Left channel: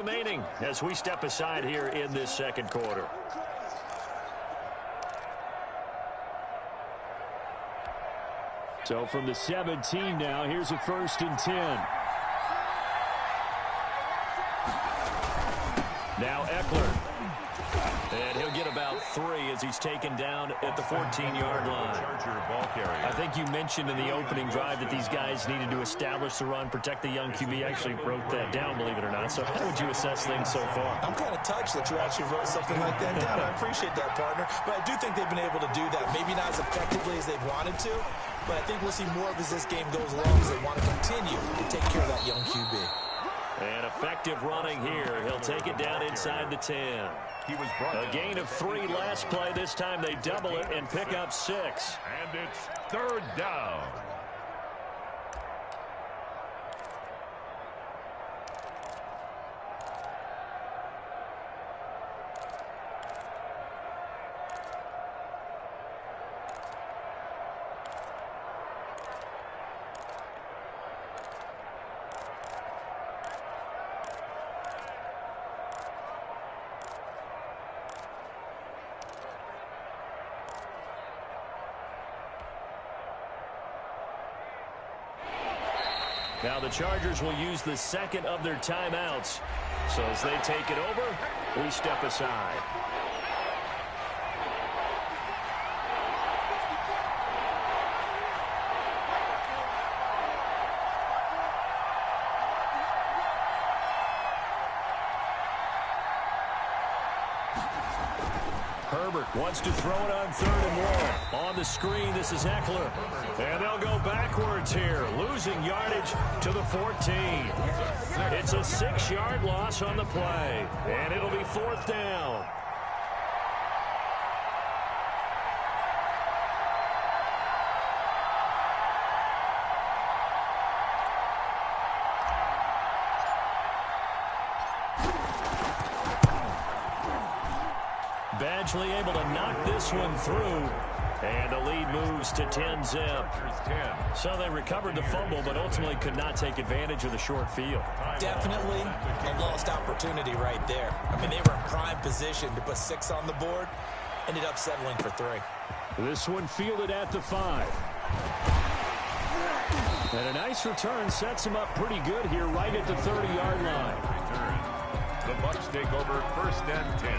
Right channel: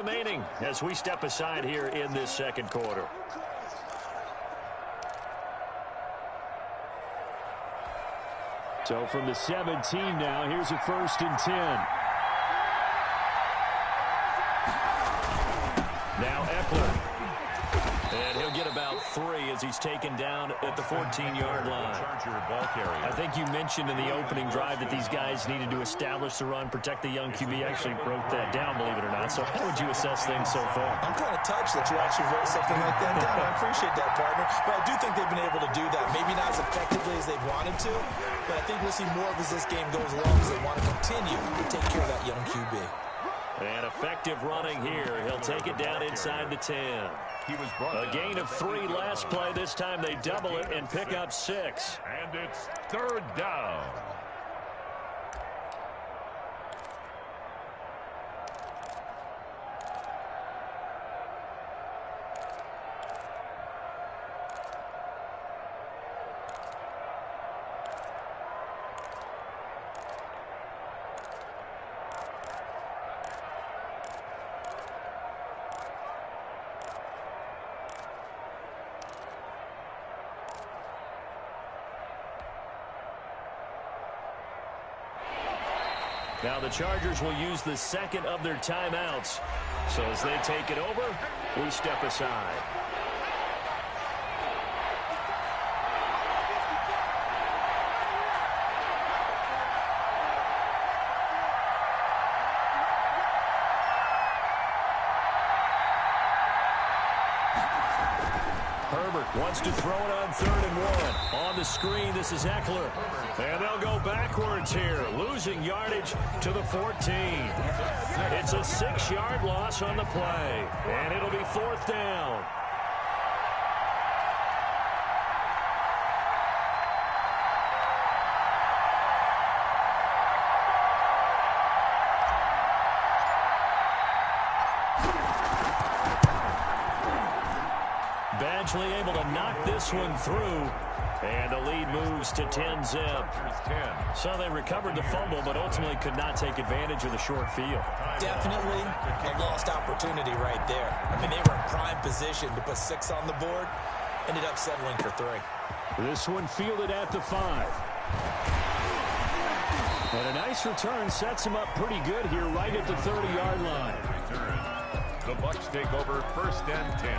Remaining as we step aside here in this second quarter. So from the 17 now, here's a 1st and 10. Now Eckler. And he'll get about 3 as he's taken down at the 14-yard line. I think you mentioned in the opening drive that these guys needed to establish the run, protect the young QB. I actually wrote that down, believe it or not. So how would you assess things so far? I'm kind of touched that you actually wrote something like that down. I appreciate that, partner. But I do think they've been able to do that. Maybe not as effectively as they've wanted to, but I think we'll see more of as this game goes along as they want to continue to take care of that young QB. And effective running here. He'll take it down inside the 10. A gain of 3 last play. This time they double it and pick up 6. And it's 3rd down. Now the Chargers will use the second of their timeouts. So as they take it over, we step aside. Herbert wants to throw it on 3rd and 1. On the screen, this is Eckler. And they'll go backwards here, losing yardage to the 14. It's a 6-yard loss on the play, and it'll be 4th down. Badgley able to knock this one through. And the lead moves to 10-zip. So they recovered the fumble, but ultimately could not take advantage of the short field. Definitely a lost opportunity right there. I mean, they were in prime position to put 6 on the board. Ended up settling for 3. This one fielded at the 5. And a nice return sets them up pretty good here right at the 30-yard line. The Bucs take over 1st and 10.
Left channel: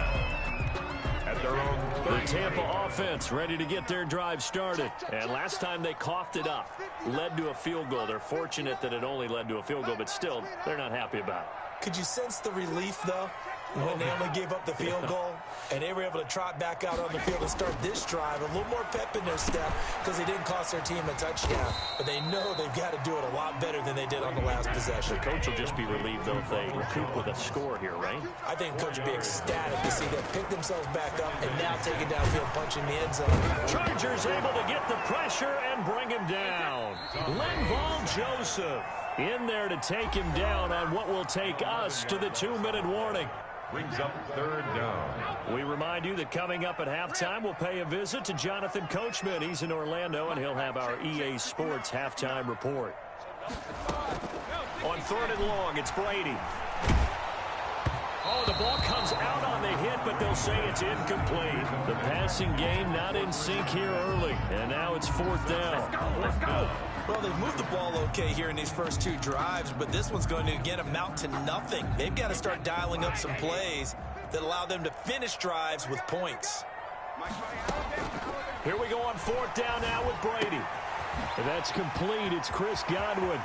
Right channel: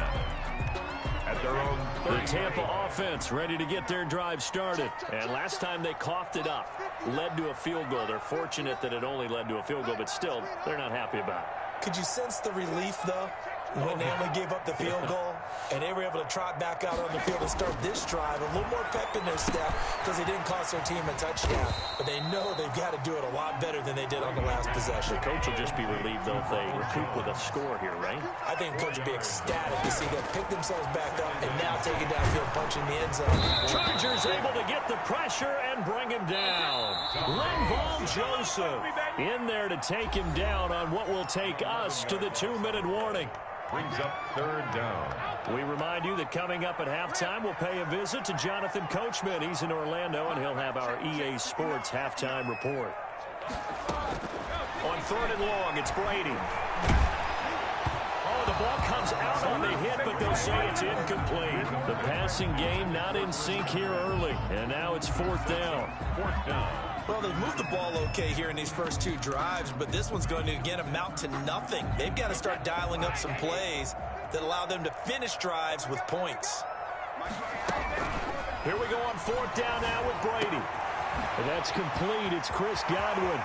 At their own 30. The Tampa offense ready to get their drive started. And last time they coughed it up, led to a field goal. They're fortunate that it only led to a field goal, but still, they're not happy about it. Could you sense the relief, though, when they only gave up the field goal and they were able to trot back out on the field and start this drive? A little more pep in their step because they didn't cost their team a touchdown. But they know they've got to do it a lot better than they did on the last possession. The coach will just be relieved, though, if they recoup with a score here, right? I think the coach will be ecstatic to see them pick themselves back up and now take it downfield, punching the end zone. Chargers able to get the pressure and bring him down. Linval Joseph in there to take him down on what will take us to the 2-minute warning. Brings up 3rd down. We remind you that coming up at halftime, we'll pay a visit to Jonathan Coachman. He's in Orlando, and he'll have our EA Sports halftime report. On 3rd and long, it's Brady. Oh, the ball comes out on the hit, but they'll say it's incomplete. The passing game not in sync here early, and now it's 4th down. 4th down. Well, they've moved the ball okay here in these first 2 drives, but this one's going to, again, amount to nothing. They've got to start dialing up some plays that allow them to finish drives with points. Here we go on 4th down now with Brady. And that's complete. It's Chris Godwin.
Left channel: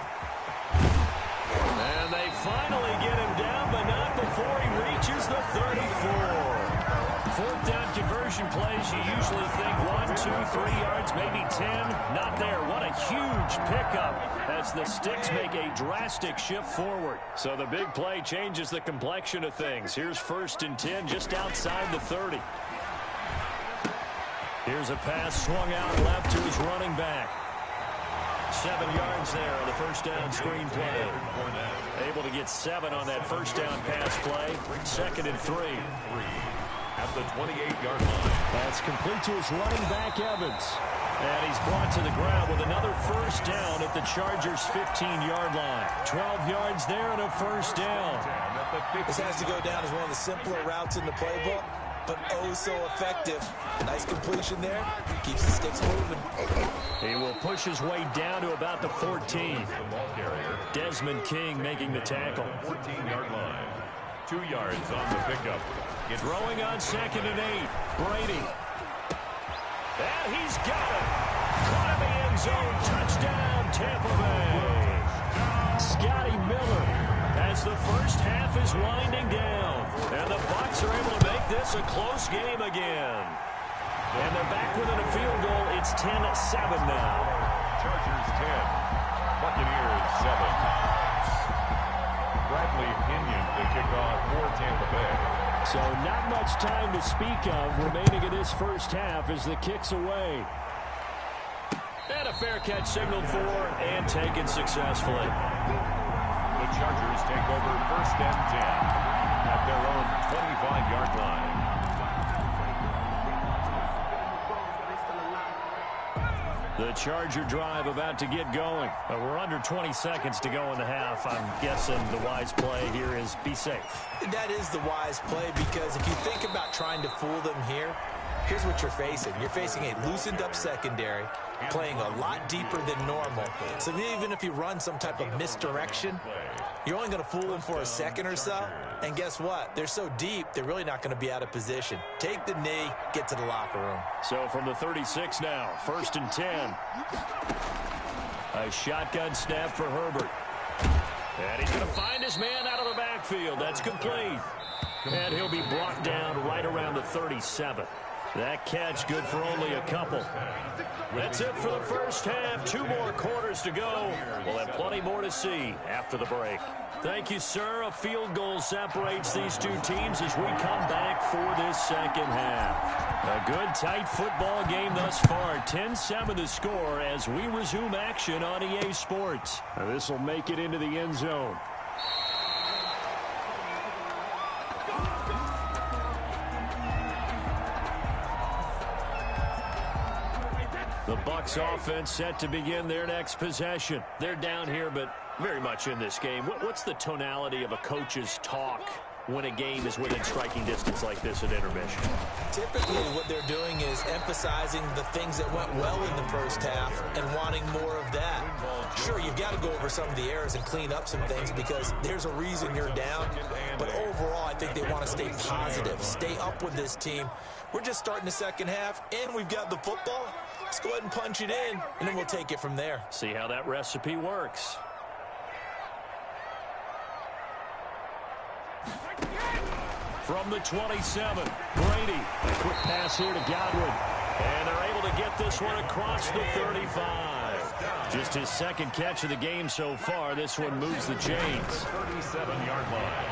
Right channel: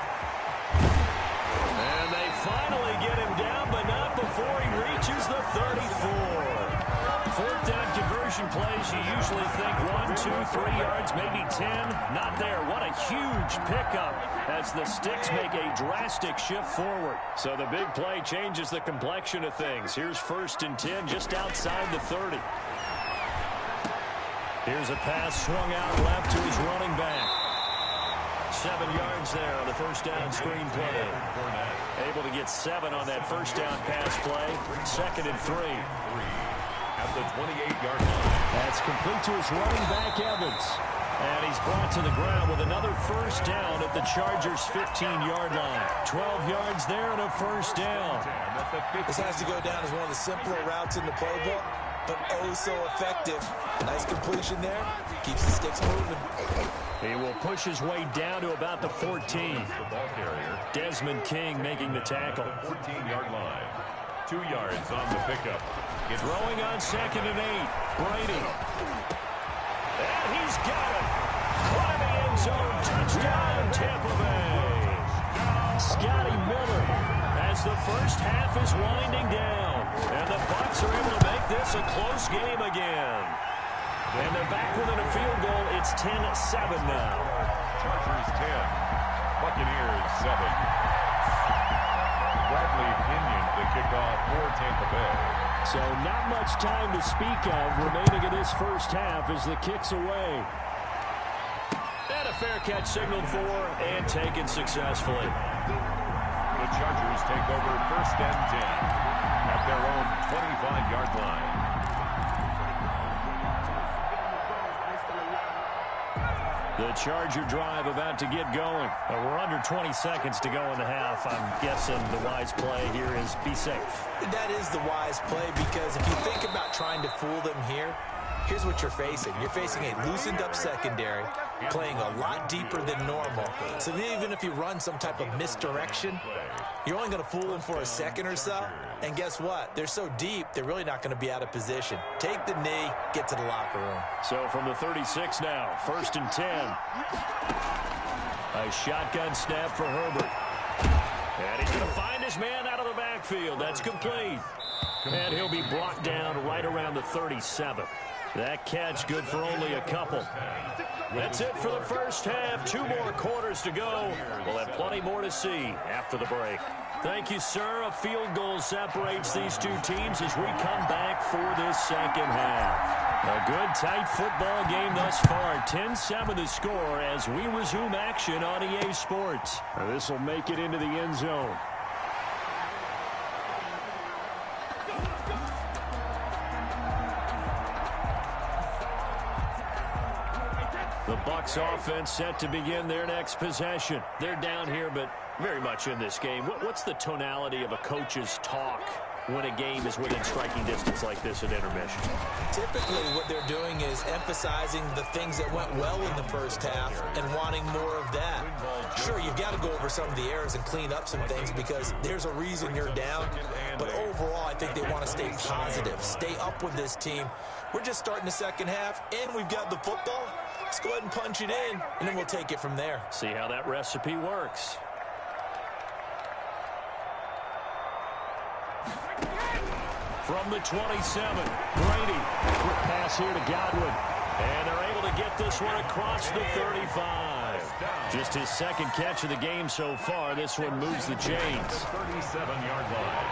And they finally get him down, but not before he reaches the 34. 4th down conversion plays, you usually think 1, 2, 3 yards, maybe 10. Not there. What a huge pickup as the Sticks make a drastic shift forward. So the big play changes the complexion of things. Here's 1st and 10 just outside the 30. Here's a pass swung out left to his running back. 7 yards there on the 1st down screen play. Able to get 7 on that 1st down pass play. 2nd and 3. At the 28-yard line. That's complete to his running back, Evans. And he's brought to the ground with another first down at the Chargers' 15-yard line. 12 yards there and a first down. This has to go down as one of the simpler routes in the playbook, but oh so effective. Nice completion there. Keeps the sticks moving. He will push his way down to about the 14. The ball carrier. Desmond King making the tackle. 14-yard line. 2 yards on the pickup. Throwing on 2nd and 8. Brady. And he's got it. Caught in the end zone. Touchdown, Tampa Bay. Scotty Miller as the first half is winding down. And the Bucs are able to make this a close game again. And they're back within a field goal. It's 10-7 now. Chargers 10. Buccaneers 7. Bradley Pinion the kickoff for Tampa Bay. So not much time to speak of remaining in this first half as the kick's away. And a fair catch signaled for and taken successfully. The Chargers take over 1st and 10 at their own 25-yard line. The Charger drive about to get going. We're under 20 seconds to go in the half. I'm guessing the wise play here is be safe. That is the wise play, because if you think about trying to fool them here, here's what you're facing. You're facing a loosened up secondary, playing a lot deeper than normal. So even if you run some type of misdirection, you're only going to fool them for a second or so. And guess what? They're so deep, they're really not going to be out of position. Take the knee, get to the locker room. So from the 36 now, 1st and 10. A shotgun snap for Herbert. And he's going to find his man out of the backfield. That's complete. And he'll be brought down right around the 37. That catch good for only a couple. That's it for the first half. 2 more quarters to go. We'll have plenty more to see after the break. Thank you, sir. A field goal separates these two teams as we come back for this second half. A good, tight football game thus far. 10-7 the score as we resume action on EA Sports. This will make it into the end zone. The Bucs offense set to begin their next possession. They're down here, but very much in this game. What's the tonality of a coach's talk when a game is within striking distance like this at intermission? Typically, what they're doing is emphasizing the things that went well in the first half and wanting more of that. Sure, you've got to go over some of the errors and clean up some things because there's a reason you're down. But overall, I think they want to stay positive, stay up with this team. We're just starting the second half, and we've got the football. Let's go ahead and punch it in, and then we'll take it from there. See how that recipe works. From the 27, Brady. A quick pass here to Godwin. And they're able to get this one across the 35. Just his second catch of the game so far. This one moves the chains. 37-yard line.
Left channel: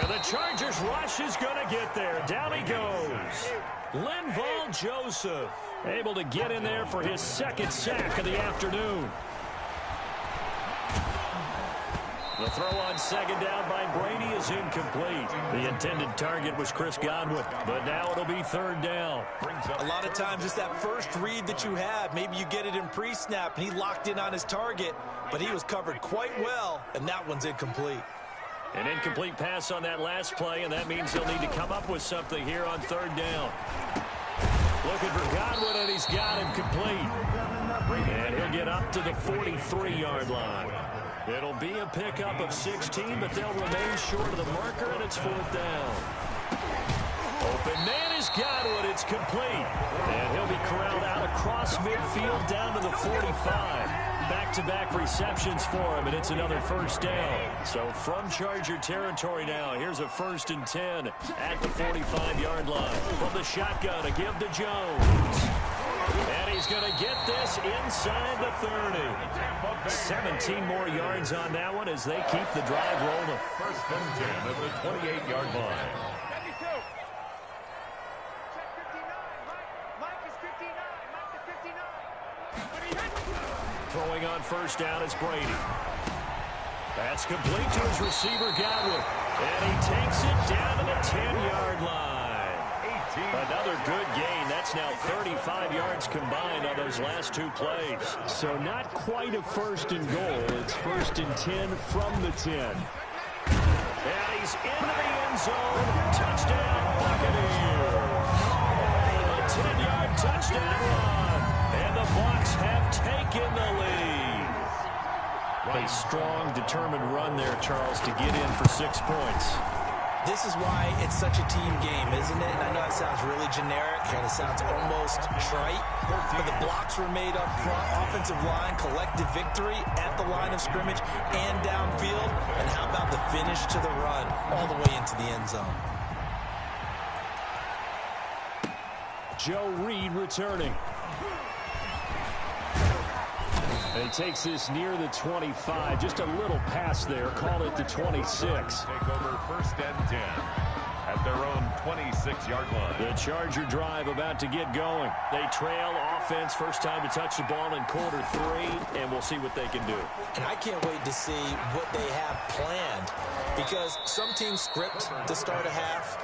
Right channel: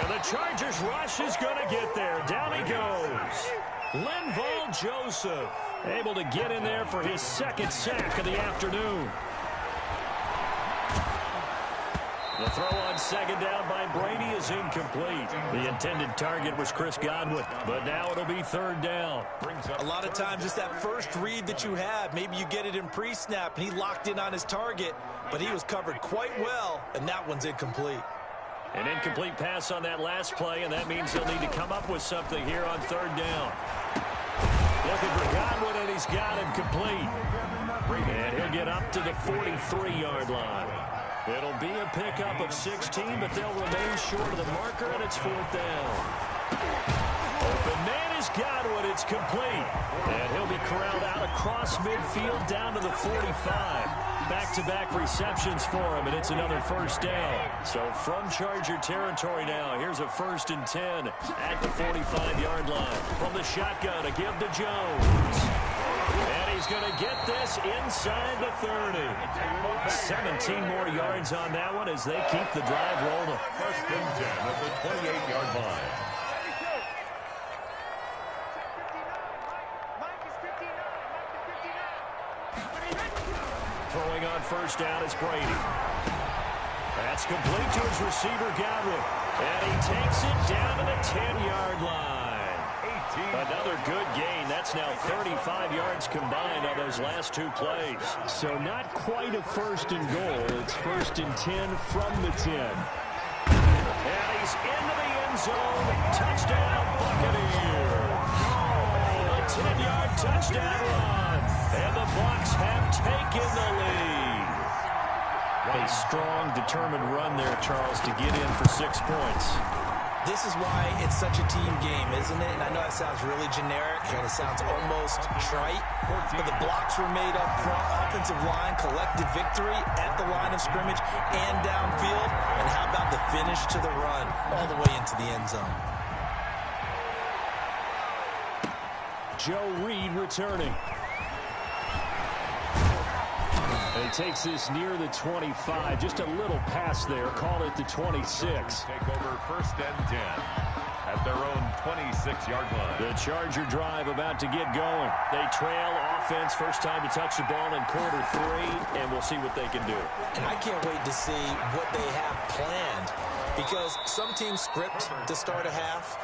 And the Chargers rush is going to get there. Down he goes. Linval Joseph able to get in there for his second sack of the afternoon. The throw on second down by Brady is incomplete. The intended target was Chris Godwin, but now it'll be 3rd down. A lot of times it's that first read that you have. Maybe you get it in pre-snap, and he locked in on his target, but he was covered quite well, and that one's incomplete. An incomplete pass on that last play, and that means he'll need to come up with something here on 3rd down. Looking for Godwin, and he's got him complete. And he'll get up to the 43-yard line. It'll be a pickup of 16, but they'll remain short of the marker, and it's 4th down. Open man is Godwin. It's complete. And he'll be corralled out across midfield down to the 45. Back-to-back receptions for him, and it's another first down. So from Charger territory now, here's a 1st and 10 at the 45-yard line. From the shotgun, a give to Jones. And he's going to get this inside the 30. 17 more yards on that one as they keep the drive rolling. 1st and 10 at the 28-yard line. Throwing on first down is Brady. That's complete to his receiver, Godwin. And he takes it down to the 10-yard line. Another good gain. That's now 35 yards combined on those last two plays. So not quite a first and goal. It's first and 10 from the 10. And he's into the end zone. Touchdown, Buccaneers. A 10-yard touchdown run. And the Bucs have taken the lead. A strong, determined run there, Charles, to get in for 6 points. This is why it's such a team game, isn't it? And I know it sounds really generic and it sounds almost trite, but the blocks were made up front, offensive line, collective victory at the line of scrimmage and downfield. And how about the finish to the run all the way into the end zone? Joe Reed returning. And he takes this near the 25. Just a little pass there. Call it the 26. Take over first and 10 at their own 26-yard line. The Charger drive about to get going. They trail offense, first time to touch the ball in quarter 3, and we'll see what they can do. And I can't wait to see what they have planned, because some teams script to start a half.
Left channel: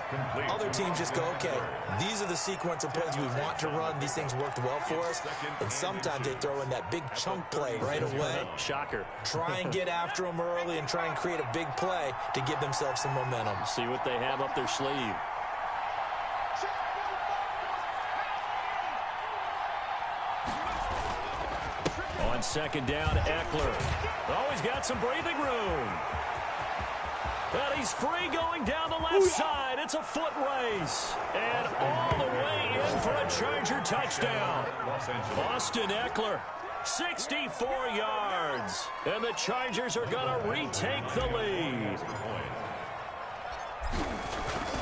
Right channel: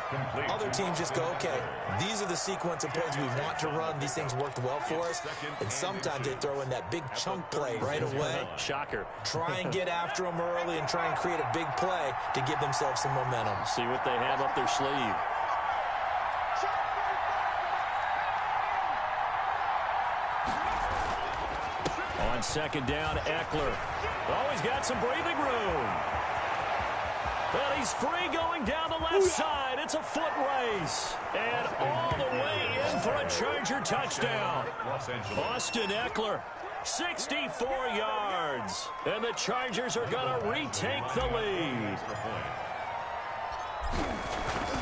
Other teams just go, okay, these are the sequence of plays we want to run. These things worked well for us. And sometimes they throw in that big chunk play right away. Shocker. Try and get after them early and try and create a big play to give themselves some momentum. See what they have up their sleeve. On second down, Eckler. Oh, he's got some breathing room. But he's free going down the left side. It's a foot race. And all the way in for a Charger touchdown. Austin Eckler, 64 yards. And the Chargers are going to retake the lead.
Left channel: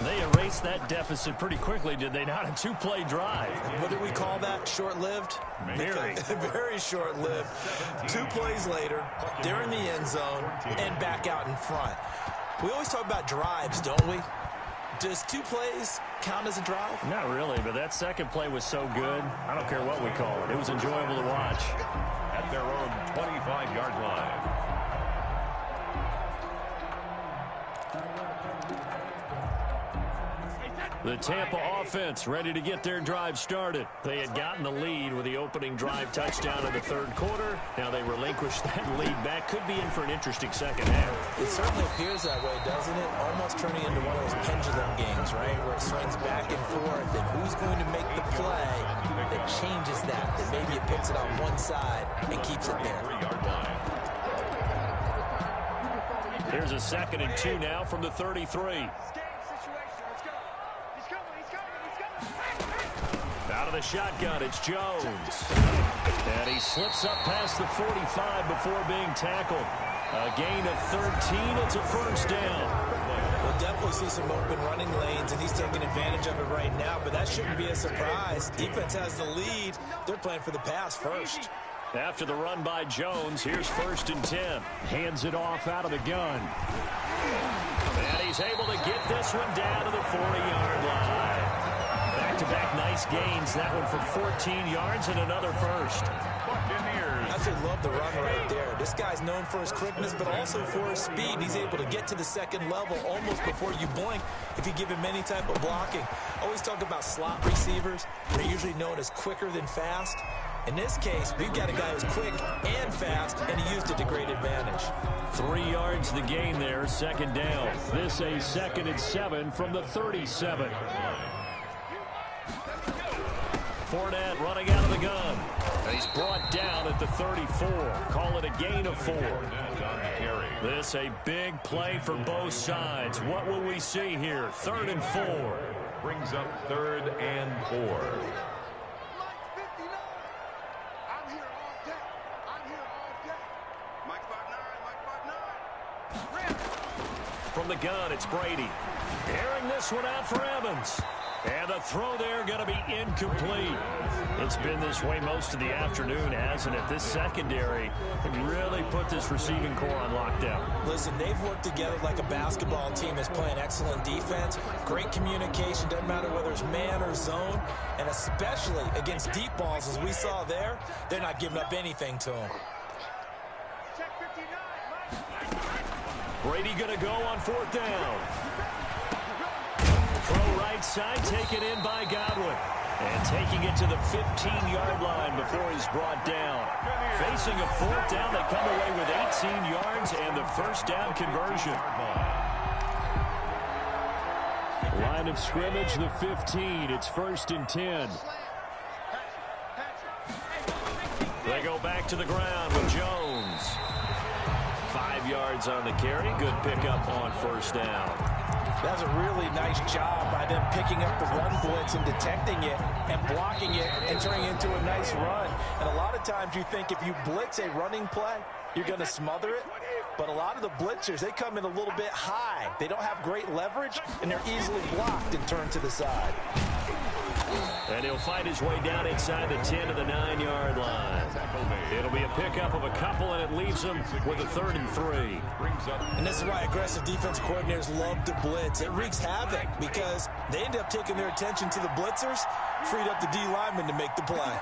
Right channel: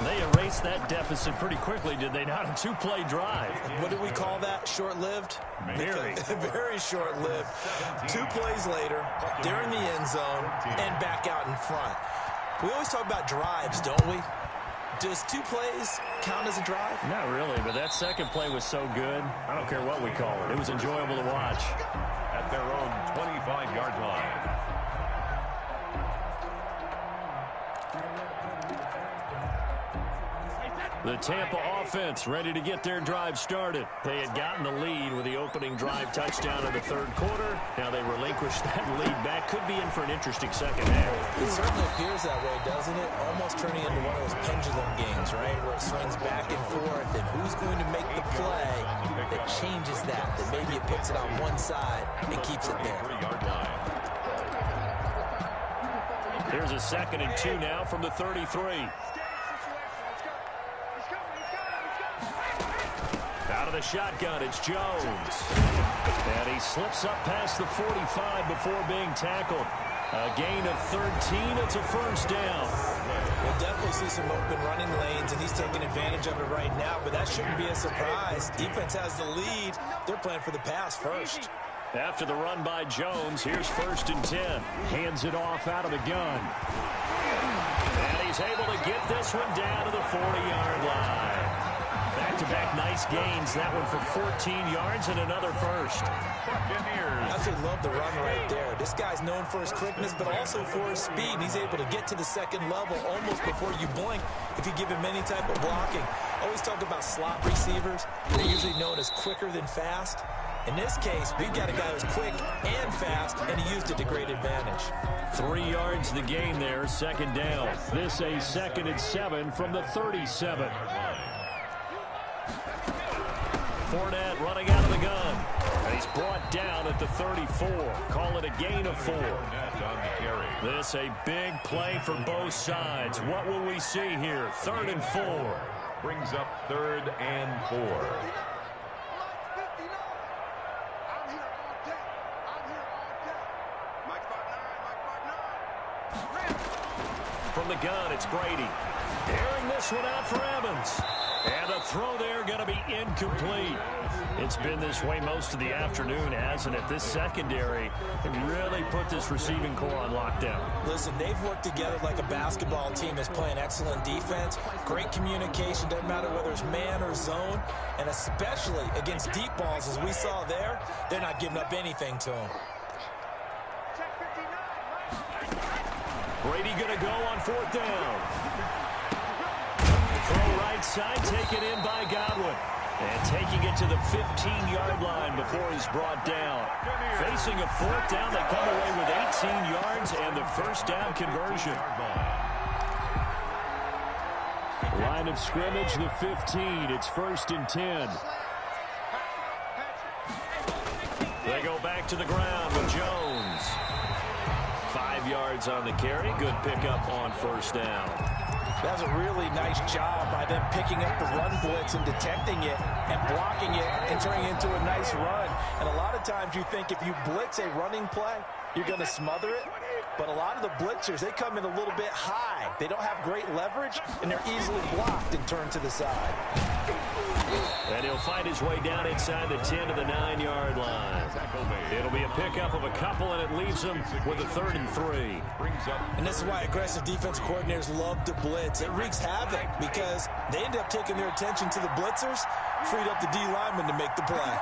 They erased that deficit pretty quickly, did they not? A 2-play drive. What did we call that? Short-lived? Very. Very short-lived. 2 plays later, they're in the end zone and back out in front. We always talk about drives, don't we? Does 2 plays count as a drive? Not really, but that second play was so good. I don't care what we call it. It was enjoyable to watch. At their own 25-yard line. The Tampa offense ready to get their drive started. They had gotten the lead with the opening drive touchdown in the third quarter. Now they relinquished that lead back. Could be in for an interesting second half. It certainly appears that way, doesn't it? Almost turning into one of those pendulum games, right? Where it swings back and forth, and who's going to make the play that changes that? That maybe it puts it on one side and keeps it there. Here's a 2nd and 2 now from the 33. Out of the shotgun, it's Jones. And he slips up past the 45 before being tackled. A gain of 13. It's a first down. We'll definitely see some open running lanes, and he's taking advantage of it right now, but that shouldn't be a surprise. Defense has the lead. They're playing for the pass first. After the run by Jones, here's 1st and 10. Hands it off out of the gun. And he's able to get this one down to the 40-yard line. Back-to-back nice gains. That one for 14 yards and another first. Buccaneers. I actually love the run right there. This guy's known for his quickness, but also for his speed. He's able to get to the second level almost before you blink if you give him any type of blocking. Always talk about slot receivers. They're usually known as quicker than fast. In this case, we've got a guy who's quick and fast, and he used it to great advantage. 3 yards the gain there, second down. This a 2nd and 7 from the 37. Fournette running out of the gun. And he's brought down at the 34. Call it a gain of 4. This a big play for both sides. What will we see here? 3rd and 4. Brings up 3rd and 4. From the gun, it's Brady. Airing this one out for Evans. And the throw there going to be incomplete. It's been this way most of the afternoon, hasn't it? This secondary really put this receiving core on lockdown. Listen, they've worked together like a basketball team that's playing excellent defense. Great communication, doesn't matter whether it's man or zone. And especially against deep balls, as we saw there, they're not giving up anything to them. Brady going to go on 4th down. Throw right side, taken in by Godwin. And taking it to the 15-yard line before he's brought down. Facing a fourth down, they come away with 18 yards and the first down conversion. Line of scrimmage, the 15. It's 1st and 10. They go back to the ground with Jones. 5 yards on the carry. Good pickup on first down. That was a really nice job by them picking up the run blitz and detecting it and blocking it and turning it into a nice run. And a lot of times you think if you blitz a running play, you're going to smother it. But a lot of the blitzers, they come in a little bit high. They don't have great leverage, and they're easily blocked and turned to the side. And he'll find his way down inside the 10 to the 9-yard line. It'll be a pickup of a couple, and it leaves him with a 3rd and 3. And this is why aggressive defense coordinators love to blitz. It wreaks havoc because they end up taking their attention to the blitzers, freed up the D lineman to make the play.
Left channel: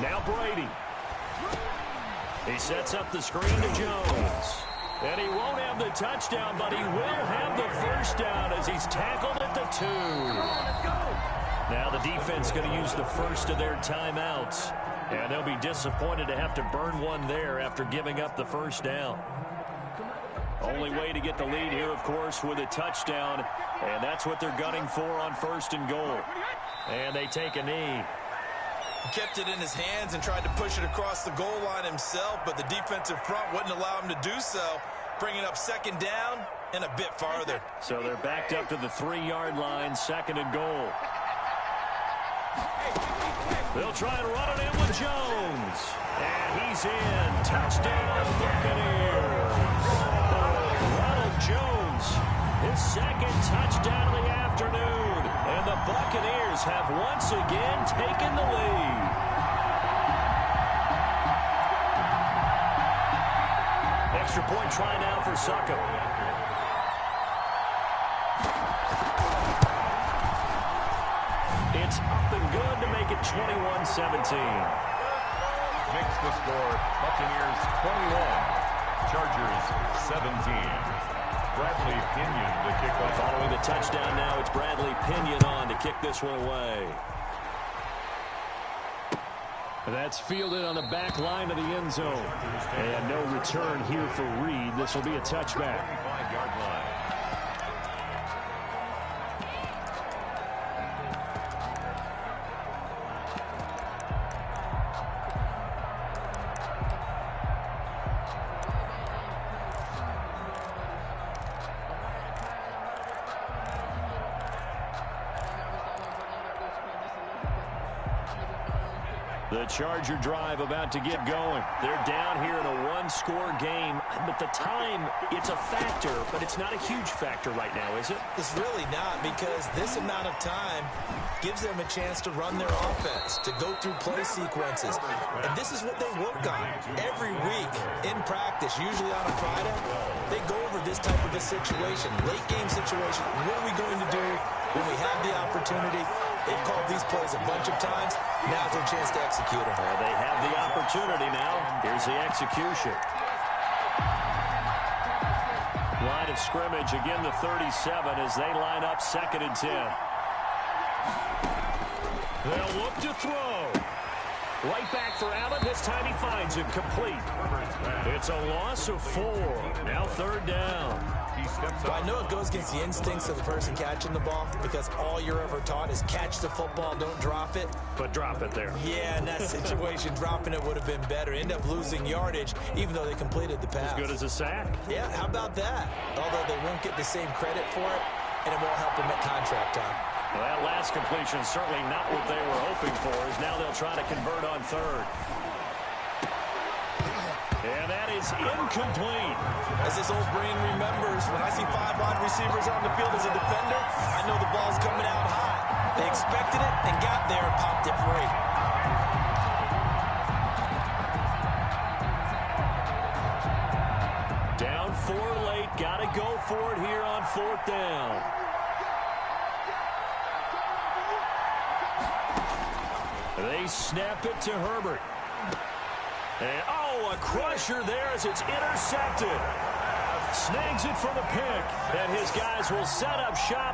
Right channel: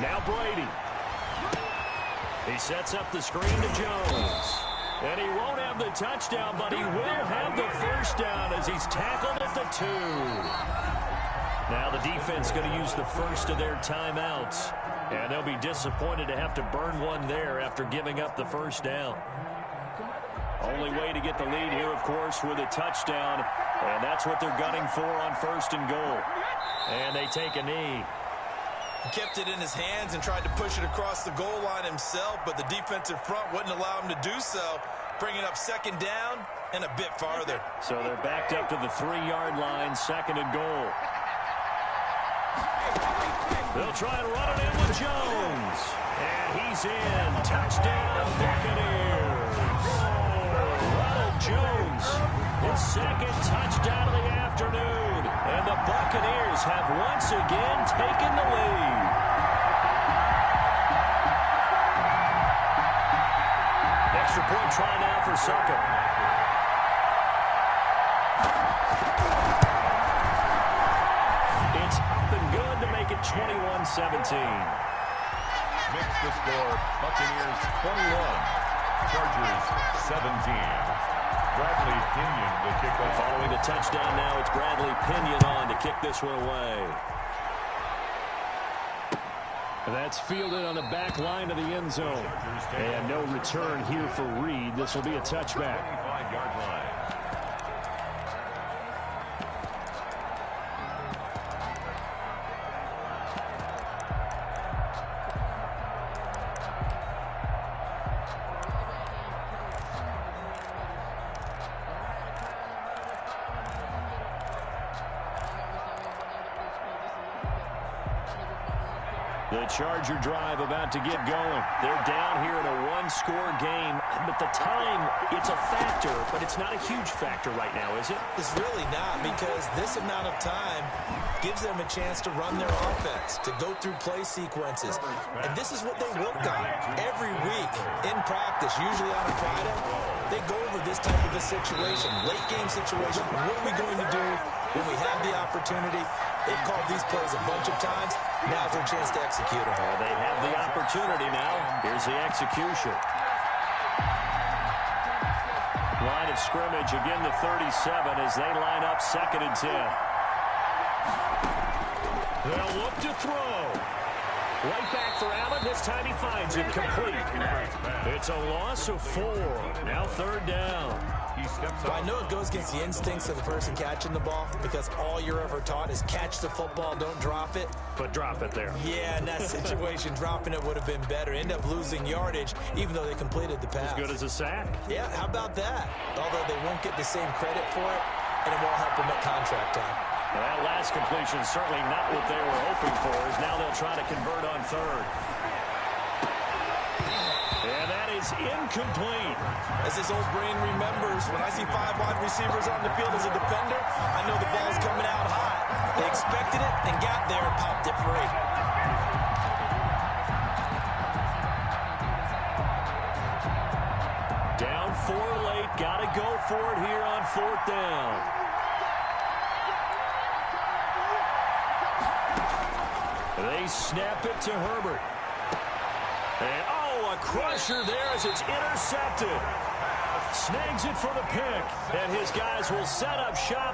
Now Brady. He sets up the screen to Jones. And he won't have the touchdown, but he will have the first down as he's tackled at the 2. Now the defense going to use the first of their timeouts. And they'll be disappointed to have to burn one there after giving up the first down. Only way to get the lead here, of course, with a touchdown. And that's what they're gunning for on 1st and goal. And they take a knee. He kept it in his hands and tried to push it across the goal line himself, but the defensive front wouldn't allow him to do so, bringing up 2nd down and a bit farther. So they're backed up to the 3-yard line, 2nd and goal. They'll try and run it in with Jones. And he's in. Touchdown, Buccaneers. Ronald Jones, his 2nd touchdown of the afternoon. And the Buccaneers have once again taken the lead. Extra point try now for Suckup. It's up and good to make it 21-17. Makes the score Buccaneers 21, Chargers 17. Bradley Pinion to kick off. Following the touchdown now, it's Bradley Pinion on to kick this one away. That's fielded on the back line of the end zone. And no return here for Reed. This will be a touchback. 25-yard line. The Charger drive about to get going. They're down here in a one-score game, but the time, it's a factor, but it's not a huge factor right now, is it? It's really not, because this amount of time gives them a chance to run their offense, to go through play sequences. And this is what they work on every week in practice, usually on a Friday. They go over this type of a situation, late game situation. What are we going to do when we have the opportunity? They've called these plays a bunch of times. Now's their chance to execute them. They have the opportunity now. Here's the execution. Line of scrimmage, again the 37 as they line up 2nd and 10. They'll look to throw. Right back for Allen. This time he finds him complete. It's a loss of 4. Now 3rd down. Well, I know it goes against the instincts of the person catching the ball, because all you're ever taught is catch the football, don't drop it. But drop it there. Yeah, in that situation, dropping it would have been better. End up losing yardage, even though they completed the pass. As good as a sack. Yeah, how about that? Although they won't get the same credit for it, and it won't help them at contract time. Well, that last completion is certainly not what they were hoping for, as now they'll try to convert on 3rd. And that is incomplete. As his old brain remembers, when I see 5 wide receivers on the field as a defender, I know the ball's coming out hot. They expected it and got there and popped it free. Down 4 late. Got to go for it here on 4th down. They snap it to Herbert. And, a crusher there as it's intercepted. Snags it for the pick. And his guys will set up shop